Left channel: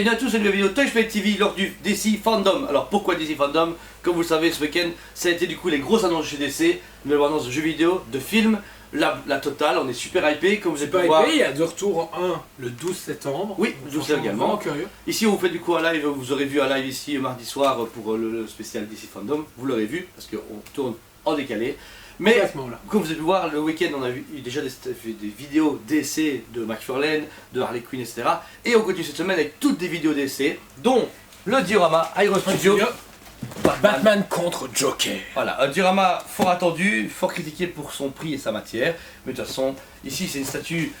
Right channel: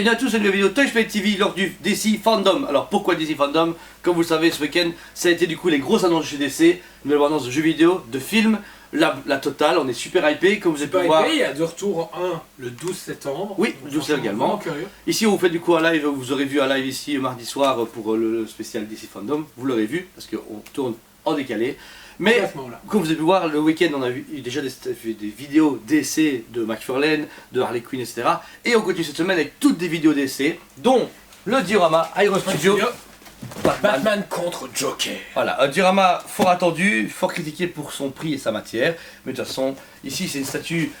Bienvenue à tous sur une nouvelle vidéo Touchplay TV lors du DC Fandom. Alors pourquoi DC Fandom? Comme vous le savez, ce week-end, ça a été du coup les grosses annonces chez DC, nouvelles annonces de jeux vidéo, de films, la totale, on est super hypé, comme vous avez pu voir. Il y a de retour le 12 septembre. Oui, le 12 septembre également. Curieux. Ici on vous fait du coup un live, vous aurez vu un live ici mardi soir pour le spécial DC Fandom, vous l'aurez vu parce qu'on tourne en décalé. Mais comme vous avez pu voir, le week-end on a vu déjà des vidéos d'essais de McFarlane, de Harley Quinn, etc. Et on continue cette semaine avec toutes des vidéos d'essais, dont le diorama Hero Studio, Batman contre Joker. Voilà, un diorama fort attendu, fort critiqué pour son prix et sa matière. Mais de toute façon, ici c'est une statue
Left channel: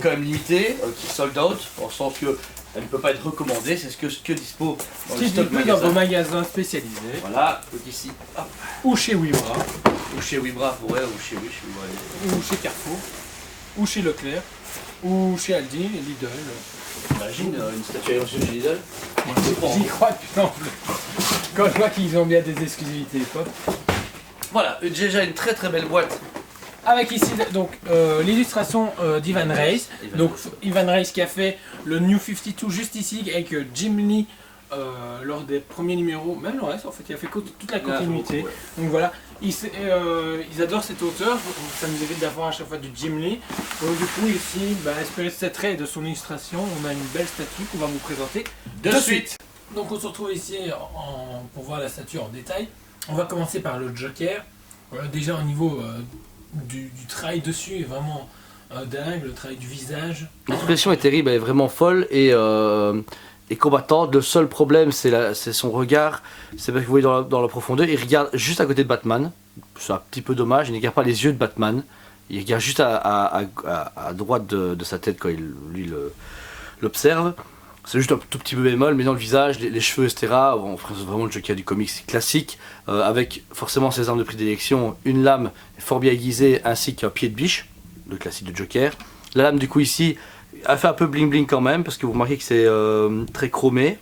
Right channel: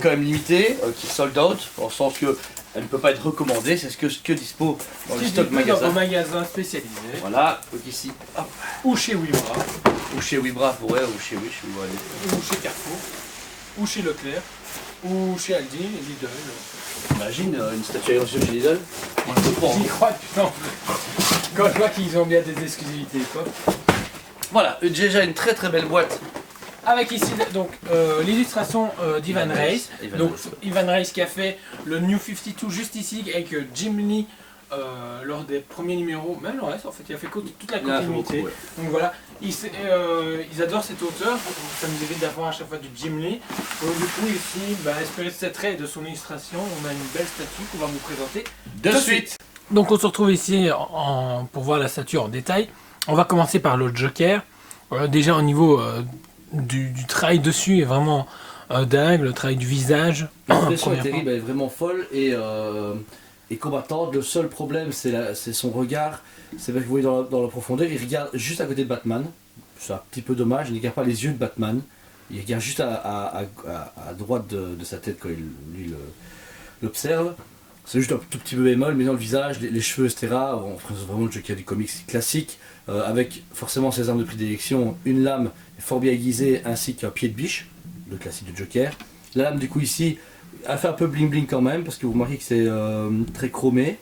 quand même limitée, qui est sold out, dans le sens que elle ne peut pas être recommandée, c'est ce que dispo dans le stock magasin. Dans vos magasins spécialisés. Voilà, donc ici, hop. Ou chez Wibra. Ou chez Wibra, ouais, ou chez Wibra. Ou chez Carrefour. Ou chez Leclerc. Ou chez Aldi, Lidl. Imagine une statue Hero Studio chez Lidl. J'y crois putain. Quand je vois qu'ils ont bien des exclusivités pop. Voilà, déjà une très très belle boîte. Avec ici donc l'illustration d'Ivan Reis. Donc Ivan Reis qui a fait le New 52 juste ici avec Jim Lee lors des premiers numéros, même le reste en fait, il a fait toute la continuité. Ouais. Donc voilà, ils adorent cet auteur, ça nous évite d'avoir à chaque fois du Jim Lee. Donc du coup ici, inspiré de cet trait et de son illustration, on a une belle statue qu'on va vous présenter de suite. Donc on se retrouve ici pour voir la statue en détail. On va commencer par le Joker. Déjà au niveau du travail dessus est vraiment dingue, le travail du visage. L'expression est terrible, elle est vraiment folle et combattante. Le seul problème c'est son regard, c'est que vous voyez dans la profondeur, il regarde juste à côté de Batman. C'est un petit peu dommage, il ne regarde pas les yeux de Batman, il regarde juste à droite de sa tête quand lui l'observe. C'est juste un tout petit peu bémol, mais dans le visage, les cheveux, etc. On présente vraiment le Joker du comics classique, avec forcément ses armes de prédilection, une lame fort bien aiguisée ainsi qu'un pied de biche, le classique de Joker. La lame du coup ici, elle fait un peu bling bling quand même, parce que vous remarquez que c'est très chromé.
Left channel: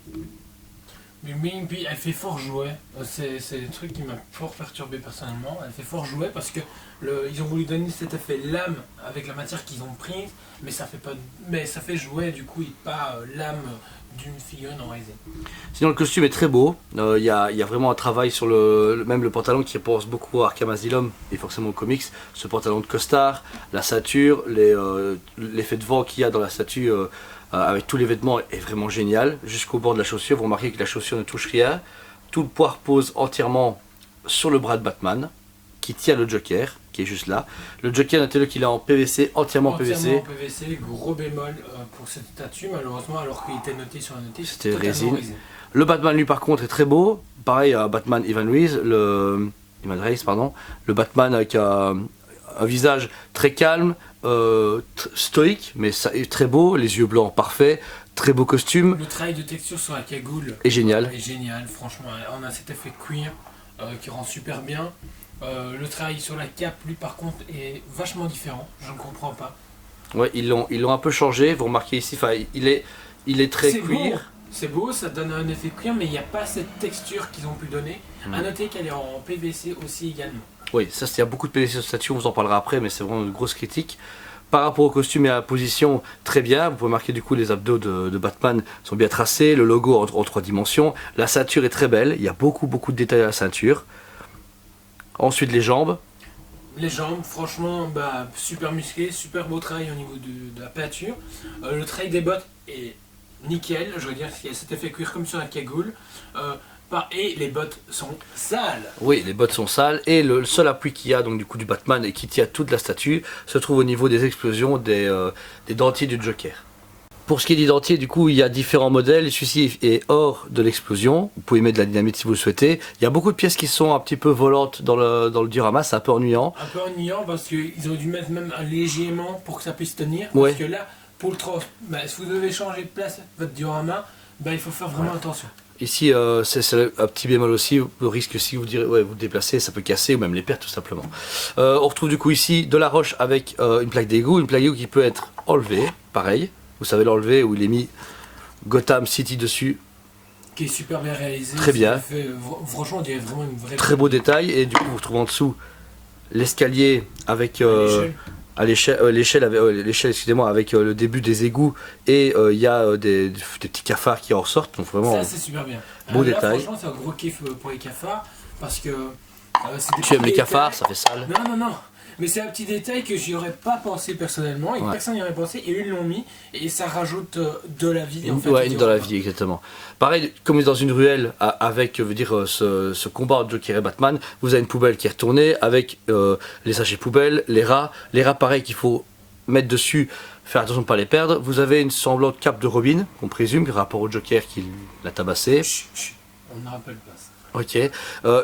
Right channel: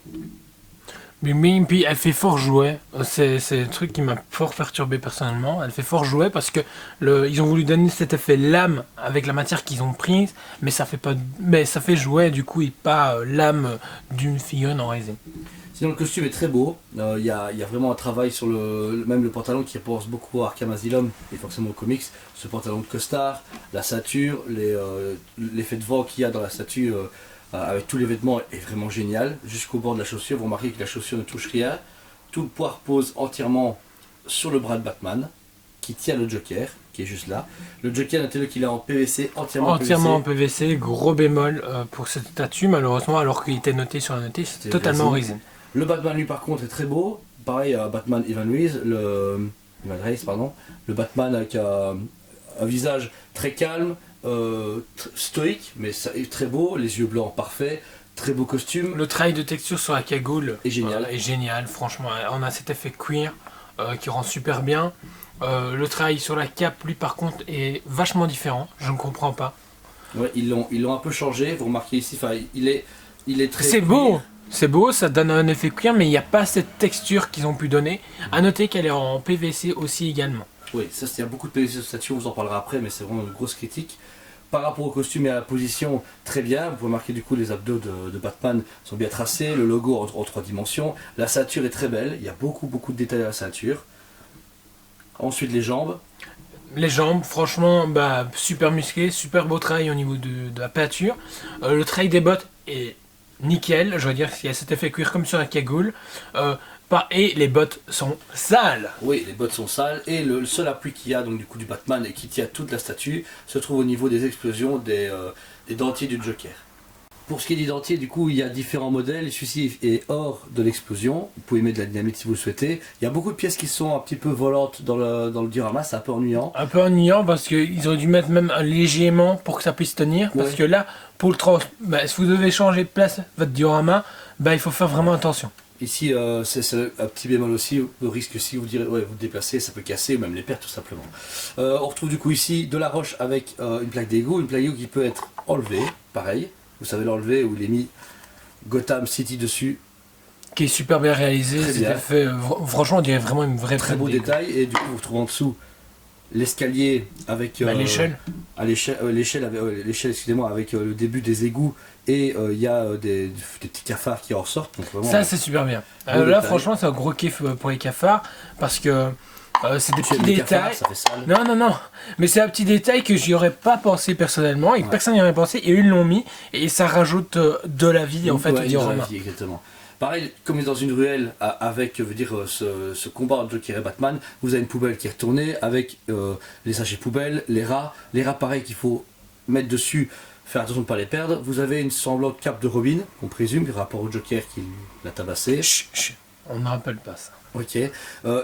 Mais puis elle fait fort jouet, c'est le truc qui m'a fort perturbé personnellement, elle fait fort jouet parce que ils ont voulu donner cet effet lame avec la matière qu'ils ont prise, mais ça fait pas, mais ça fait jouet du coup et pas lame d'une figurine en résine. Sinon le costume est très beau, il y a vraiment un travail sur même le pantalon qui pense beaucoup à Arkham Asylum et forcément aux comics, ce pantalon de costard, la ceinture, l'effet de vent qu'il y a dans la statue avec tous les vêtements est vraiment génial. Jusqu'au bord de la chaussure, vous remarquez que la chaussure ne touche rien. Tout le poids repose entièrement sur le bras de Batman, qui tient le Joker, qui est juste là. Le Joker, notez-le qu'il est en PVC, entièrement en PVC, gros bémol pour cette statue, malheureusement, alors qu'il était noté sur la notice, c'était totalement résine. Le Batman, lui, par contre, est très beau. Pareil, Batman Ivan Reis, le Batman avec un visage très calme, stoïque, mais ça est très beau, les yeux blancs parfaits, très beau costume. Le travail de texture sur la cagoule est génial. Est génial, franchement, on a cet effet cuir qui rend super bien. Le travail sur la cape, lui par contre, est vachement différent, je ne comprends pas. Ouais, ils l'ont un peu changé, vous remarquez ici, il est très c'est cuir. Beau. C'est beau, ça donne un effet cuir, mais il n'y a pas cette texture qu'ils ont pu donner. A noter qu'elle est en PVC aussi également. Oui, ça il y a beaucoup de PVC sur cette statue, on vous en parlera après, mais c'est vraiment une grosse critique. Par rapport au costume et à la position, très bien. Vous pouvez remarquer du coup les abdos de Batman sont bien tracés, le logo en 3 dimensions. La ceinture est très belle, il y a beaucoup de détails à la ceinture. Ensuite les jambes. Les jambes, franchement, super musclé, super beau travail au niveau de la peinture. Le travail des bottes est nickel, je veux dire qu'il y a cet effet cuir comme sur la cagoule. Et les bottes sont sales. Oui, les bottes sont sales et le seul appui qu'il y a donc du coup du Batman et qui tient toute la statue se trouve au niveau des explosions des dentiers du Joker. Pour ce qui est des dentiers, du coup il y a différents modèles, celui-ci est hors de l'explosion, vous pouvez mettre de la dynamite si vous le souhaitez. Il y a beaucoup de pièces qui sont un petit peu volantes dans le diorama, c'est un peu ennuyant. Un peu ennuyant parce qu'ils auraient dû mettre même un léger aimant pour que ça puisse tenir. Parce que là, pour le si vous devez changer de place votre diorama, il faut faire vraiment attention. Ici, c'est un petit bémol aussi, le risque si vous vous déplacez, ça peut casser ou même les perdre tout simplement. On retrouve du coup ici de la roche avec une plaque d'égout qui peut être enlevée, pareil. Vous savez l'enlever où il est mis Gotham City dessus. Qui est super bien réalisé. Très bien. Fait, franchement, on dirait vraiment une vraie. Très beau détail et du coup vous retrouvez en dessous l'escalier avec l'échelle, excusez-moi, avec le début des égouts et il y a des petits cafards qui en ressortent. Donc vraiment, Ça c'est super bien. beau Là détail. franchement c'est un gros kiff pour les cafards parce que c'est des tu aimes petits les cafards, détails. ça fait sale. Non, mais c'est un petit détail que j'y aurais pas pensé personnellement et que Ouais. personne n'y aurait pensé et eux ils l'ont mis et ça rajoute de la vie en fait. Ouais, au dans la diorama. vie, exactement. Pareil, comme dans une ruelle avec ce combat entre Joker et Batman, vous avez une poubelle qui est retournée avec les sachets poubelles, les rats. Les rats, pareil, qu'il faut mettre dessus, faire attention de ne pas les perdre. Vous avez une semblante cape de Robin, qu'on présume, rapport au Joker qui l'a tabassé. Chut, on ne rappelle pas ça. Ok.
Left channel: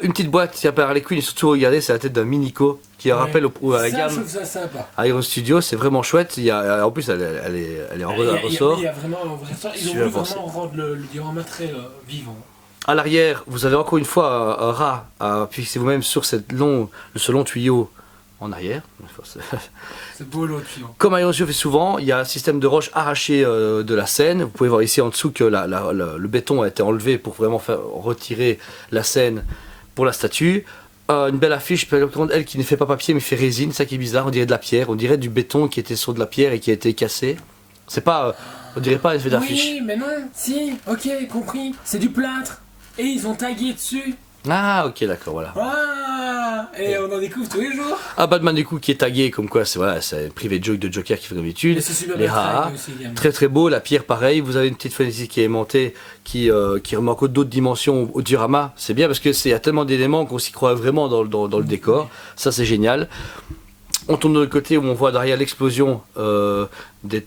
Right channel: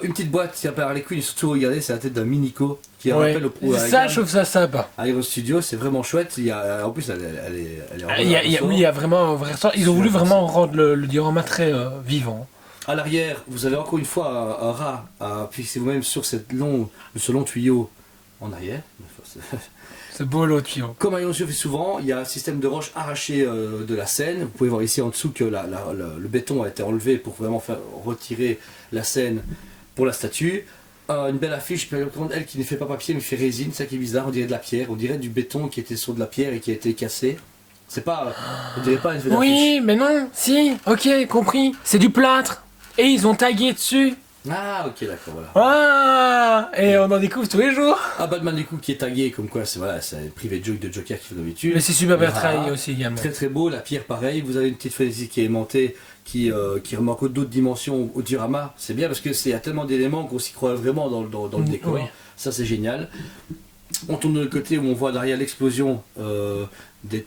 Une petite boîte qui apparaît Harley Quinn, et surtout regardez, c'est la tête d'un Minico qui rappelle à la ça gamme je trouve ça sympa. Iron Studio, c'est vraiment chouette. En plus, elle est en Il y a vraiment un vrai sens. Ils ont voulu vraiment rendre le diorama très vivant. À l'arrière, vous avez encore une fois un rat à fixer vous-même sur ce long tuyau en arrière. C'est beau l'autre tuyau. Comme Iron Studio fait souvent, il y a un système de roche arraché de la scène. Vous pouvez voir ici en dessous que le béton a été enlevé pour vraiment faire retirer la scène pour la statue. Une belle affiche, elle qui ne fait pas papier mais fait résine, ça qui est bizarre, on dirait de la pierre, on dirait du béton qui était sur de la pierre et qui a été cassé. C'est pas, on dirait pas un effet d'affiche. Oui, mais non, si, ok, compris. C'est du plâtre. Et ils ont tagué dessus. Ah ok d'accord voilà. Ah, et on en découvre tous les jours. Ah Batman du coup qui est tagué comme quoi c'est voilà, c'est un privé joke de Joker qui fait d'habitude. Mais c'est super Les bien rats, travaillé aussi également. Très très beau, la pierre pareil, vous avez une petite fenêtre ici qui est aimantée qui remet encore d'autres dimensions au diorama. C'est bien parce que il y a tellement d'éléments qu'on s'y croit vraiment dans le décor. Oui. Ça c'est génial. On tourne de l'autre côté où on voit derrière l'explosion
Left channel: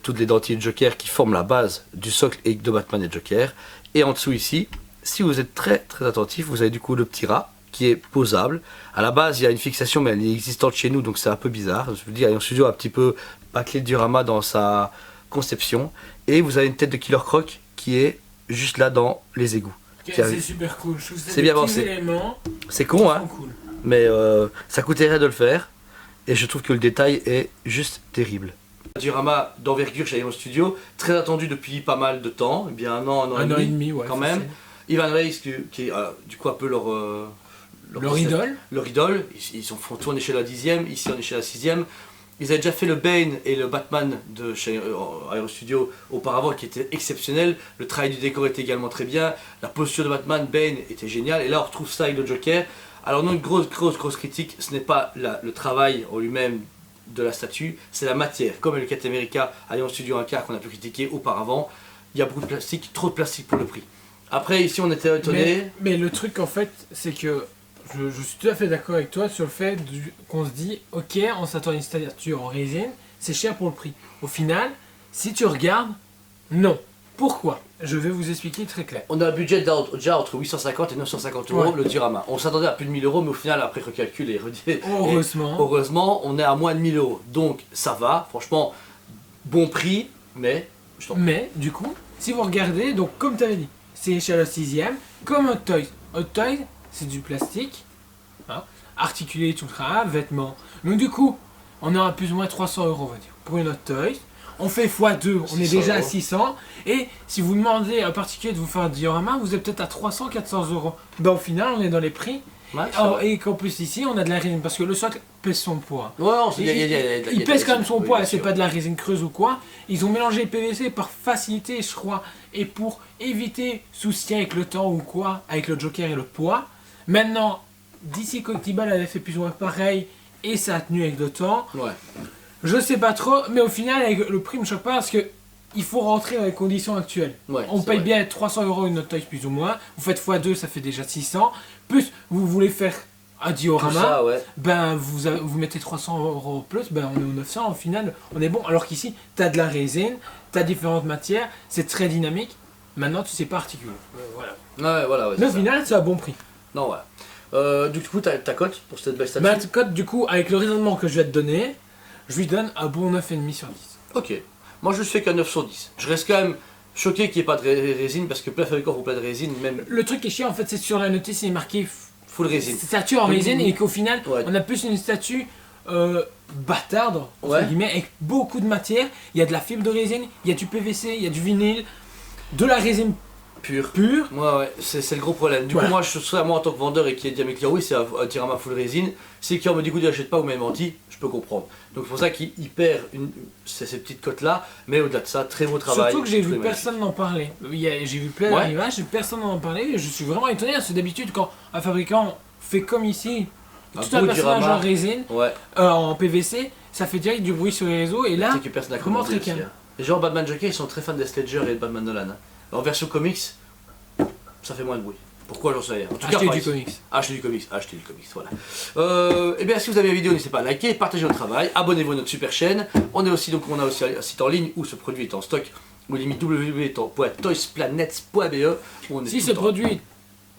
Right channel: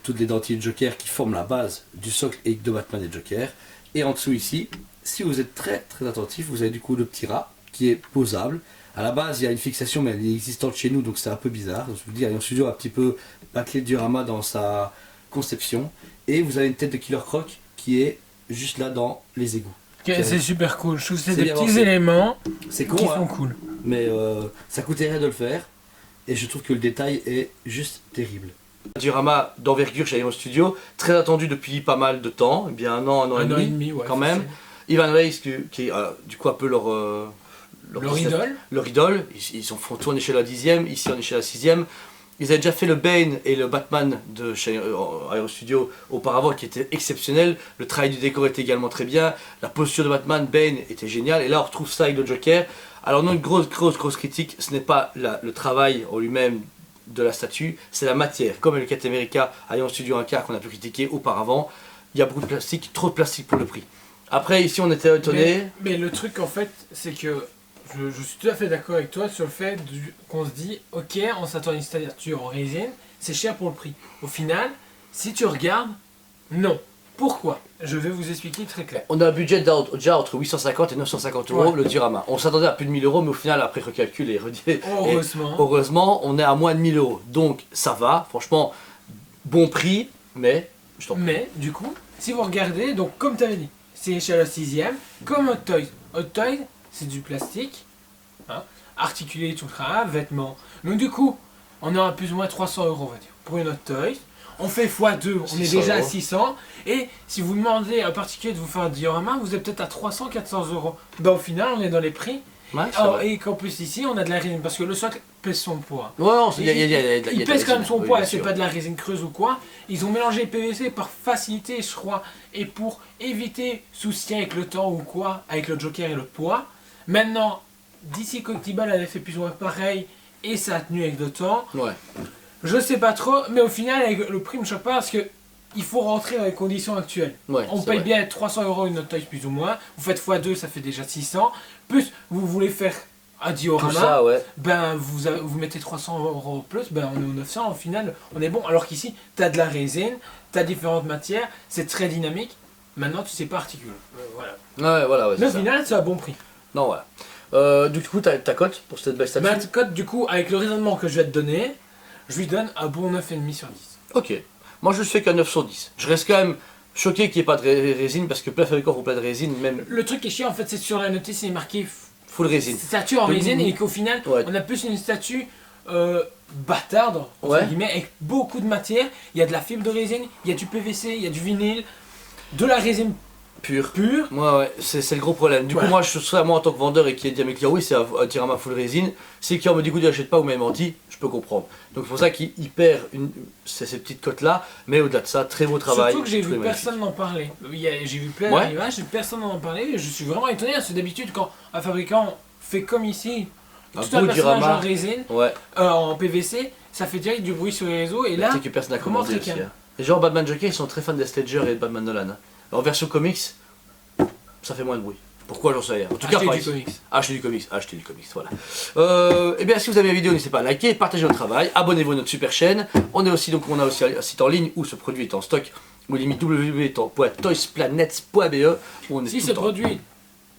toutes les dentilles de Joker qui forment la base du socle de Batman et Joker. Et en dessous ici, si vous êtes très très attentif, vous avez du coup le petit rat qui est posable. À la base, il y a une fixation, mais elle est existante chez nous, donc c'est un peu bizarre. Je veux dire, Iron Studio a un petit peu bâclé le diorama dans sa conception. Et vous avez une tête de Killer Croc qui est juste là dans les égouts. Ok, c'est super cool. Je trouve que c'est C'est des bien petits pensé. éléments C'est qui con, hein, sont cool. mais ça coûtait rien de le faire. Et je trouve que le détail est juste terrible. Un diorama d'envergure chez Iron Studio, très attendu depuis pas mal de temps, eh bien un an et demi, Ouais, quand même. Ivan Reis qui est du coup un peu leur idole. Leur idole, ils font tourner chez la 10e, ici on est chez la 6e. Ils avaient déjà fait le Bane et le Batman de chez Iron Studio auparavant qui était exceptionnel. Le travail du décor était également très bien. La posture de Batman, Bane était géniale. Et là on retrouve ça avec le Joker. Alors non, une grosse critique, ce n'est pas le travail en lui-même de la statue, c'est la matière. Comme le Captain America Iron Studio 1 quart qu'on a pu critiquer auparavant, il y a beaucoup de plastique, trop de plastique pour le prix. Après ici on était étonné. Mais le truc en fait, c'est que je suis tout à fait d'accord avec toi sur le fait qu'on se dit, ok, on s'attend à une statue en résine, c'est cher pour le prix. Au final, si tu regardes, non. Pourquoi? Je vais vous expliquer très clair. On a un budget déjà entre 850 et 950 euros Ouais. le diorama. On s'attendait à plus de 1000 euros, mais au final, après recalcul Heureusement. heureusement, on est à moins de 1000 euros. Donc ça va, franchement, bon prix, mais je t'en prie. Mais du coup, si vous regardez, donc comme tu avais dit, c'est chez la 6e, comme Hot Toys. Hot Toys, c'est du plastique, hein, articulé, tout le travail, vêtements. Donc du coup, on aura plus ou moins 300 euros, on va dire, pour une Hot Toys. On fait x2, on est 600 déjà à euros. 600. Et si vous demandez à un particulier de vous faire un diorama, vous êtes peut-être à 300-400 euros. Ben au final, on est dans les prix. Ouais, ça va. Et qu'en plus ici, on a de la résine, parce que le socle pèse son poids. Ouais, non, Il pèse quand même son oui, poids, bien c'est sûr. pas de la résine creuse ou quoi. Ils ont mélangé le PVC par facilité, je crois, et pour éviter souci avec le temps ou quoi, avec le Joker et le poids. Maintenant, DC Coctibal avait fait plus ou moins pareil, et ça a tenu avec le temps. Ouais. Je sais pas trop, mais au final, avec le prix me choque pas parce que il faut rentrer dans les conditions actuelles. Ouais, On c'est paye vrai. bien 300 euros une Hot Toys plus ou moins. Vous faites x2, ça fait déjà 600. Plus, vous voulez faire un Tout diorama. ça, ouais. Ben vous mettez 300 euros plus, ben on est aux 900, au final on est bon. Alors qu'ici, tu as de la résine, tu as différentes matières, c'est très dynamique. Maintenant tu sais pas articuler. Voilà. Ouais, voilà, ouais, Mais c'est au ça. final, c'est un bon prix. Non, voilà. Du coup, ta cote pour cette belle statue. Ma cote, du coup, avec le raisonnement que je vais te donner, je lui donne un bon 9,5 sur 10. Ok. Moi, je fais qu'un 9 sur 10. Je reste quand même choqué qu'il n'y ait pas de résine parce que plein de fabricants font plein de résine, même Le truc qui est chiant, en fait, c'est sur la notice, il est marqué full résine. statue en Oui, résine oui. et qu'au final, Ouais. on a plus une statue bâtarde, entre Ouais. guillemets, avec beaucoup de matière. Il y a de la fibre de résine, il y a du PVC, il y a du vinyle, de la résine Pur. pur. Ouais, c'est le gros problème. Du coup, moi, je serais moi en tant que vendeur et qui ai dit à mes clients, oui, c'est un diorama full résine. Si le client me dit, écoute, je l'achète pas, vous m'avez menti, je peux comprendre. Donc, c'est pour ça qu'il perd ces petites cotes-là. Mais au-delà de ça, très beau travail. Surtout que j'ai tout vu est magnifique. personne n'en parler. J'ai vu plein d'images, personne n'en parlait. Et je suis vraiment étonné. Parce que d'habitude, quand un fabricant fait comme ici, Un tout un beau personnage diorama. en résine, Ouais. en PVC, ça fait direct du bruit sur les réseaux. Et là, Tu sais que personne n'a vraiment commandé très aussi, calme. hein. Les gens Batman Joker, ils sont très fans d'Heath Ledger et de Batman Nolan. Hein. En version comics, ça fait moins de bruit. Pourquoi, j'en sais rien. En tout cas, Achetez pas du ici. comics. Achetez du comics, voilà. Et bien, si vous avez aimé la vidéo, n'hésitez pas à liker, partager notre travail, abonnez-vous à notre super chaîne. On a aussi un site en ligne où ce produit est en stock, ou limite www.toysplanet.be. Si ce produit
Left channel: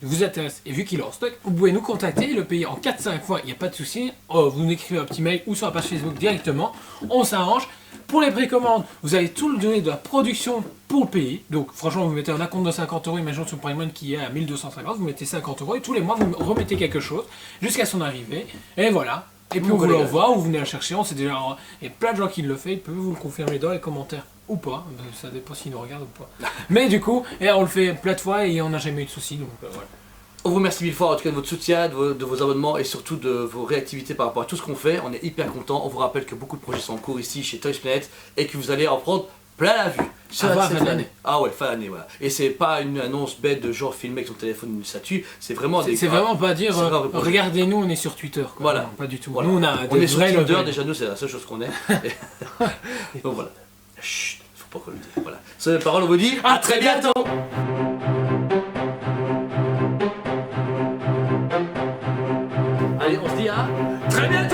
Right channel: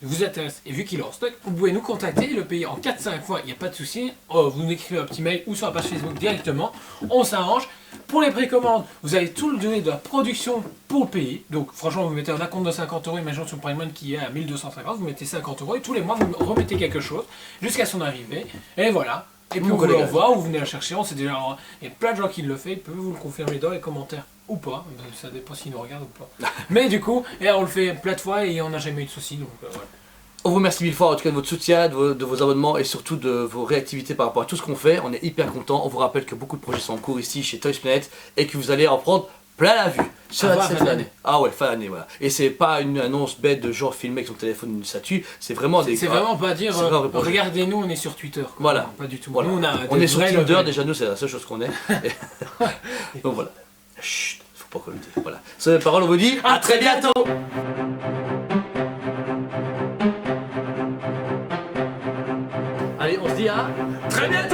vous intéresse et vu qu'il est en stock, vous pouvez nous contacter, le payer en 4-5 fois, il n'y a pas de souci. Vous nous écrivez un petit mail ou sur la page Facebook directement, on s'arrange. Pour les précommandes, vous avez tout le délai de la production pour le payer. Donc franchement, vous mettez un acompte de 50 €, imaginons sur Prime One qui est à 1250, vous mettez 50 € et tous les mois vous remettez quelque chose jusqu'à son arrivée. Et voilà. Et puis on vous l'envoie ou vous venez la chercher, on sait déjà. Il y a plein de gens qui le font, ils peuvent vous le confirmer dans les commentaires ou pas, ça dépend s'ils nous regardent ou pas. Mais du coup, on le fait plein de fois et on n'a jamais eu de soucis, donc voilà. On vous remercie mille fois en tout cas de votre soutien, de vos abonnements et surtout de vos réactivités par rapport à tout ce qu'on fait. On est hyper contents. On vous rappelle que beaucoup de projets sont en cours ici chez Toys Planet et que vous allez en prendre plein la vue. Ça va, fin d'année. Ah ouais, fin d'année, voilà. Et c'est pas une annonce bête de genre filmé avec son téléphone ou une statue, c'est vraiment des. C'est vraiment pas dire c'est vraiment regardez-nous, on est sur Twitter. Quoi. Voilà. Non, pas du tout. Voilà. Nous, on est sur vrais Tinder, levels. déjà nous c'est la seule chose qu'on est. Donc voilà. Chut, faut pas qu'on le dise. Voilà. Sur les paroles, on vous dit à très bientôt. Allez, on se dit à très bientôt.